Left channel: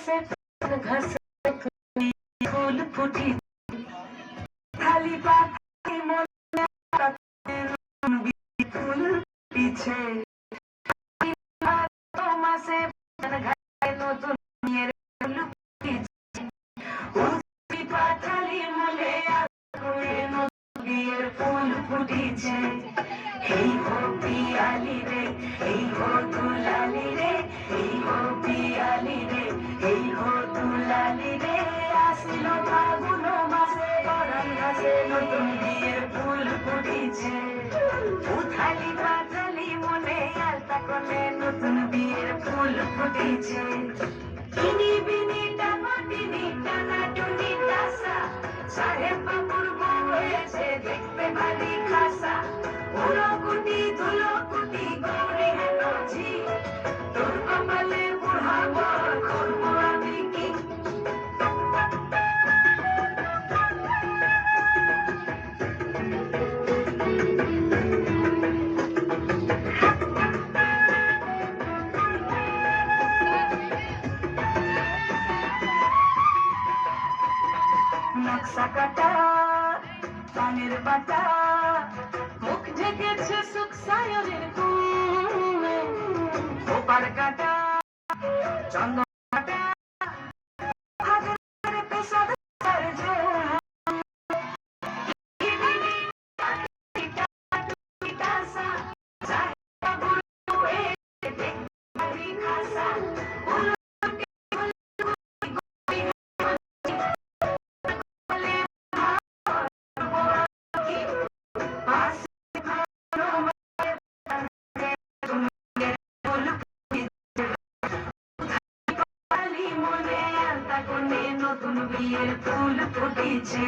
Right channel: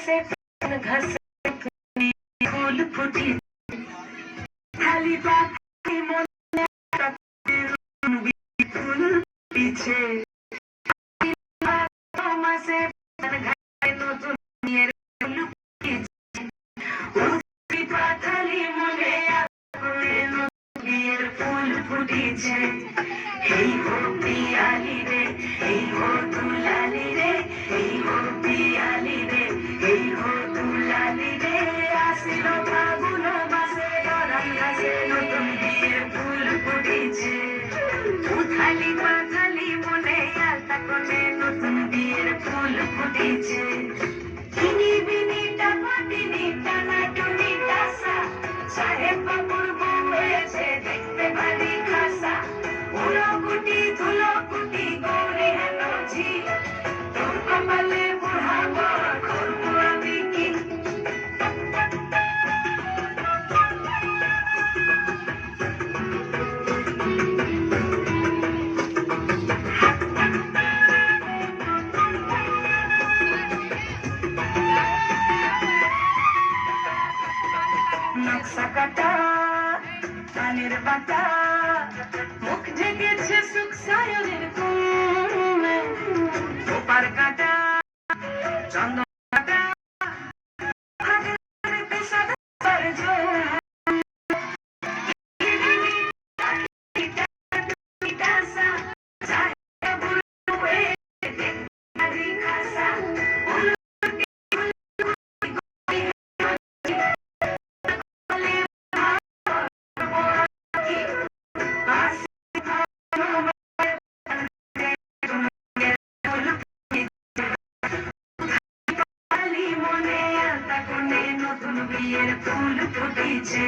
घसे घसे फूल फुटी खाली पाखी মনে ফুল পিছে মাসে ঘায়ে নতুন নিয়ে ফুল পিছে উঠি পাখালি মনে নতুন বিয়ের ফুল ফুটিছে এই হো পিয়ালি রে এই হো দুলালি রে এই হো পিয়ালি রে এই হো দুলালি রে আসিল ফাগুন মাসে অরাল গাছে নতুন বিয়ের ফুল ফুটিছে উথালি পাথালি মনে আলতা কোণে নতুন বিয়ের ফুল ফুটিছে কিনি বিনি টামাটিনি টানাটুনি দাসা সাহেব বাবুর বউ হয়েছে দেখতে ভারী খাসা উলকুটি ধুলকুটি গৌরী হেনছি তোর কপালে বুড়া বর করবো আমি কি নকশা কাটা পানির বাটা মুখ ঢেকেছে সুখ সায়রের ঘুমে ওপার কাটা চন্দন কাটা হাতের পেশাদার জোর নতুন বিয়ের ফুল ফুটেছে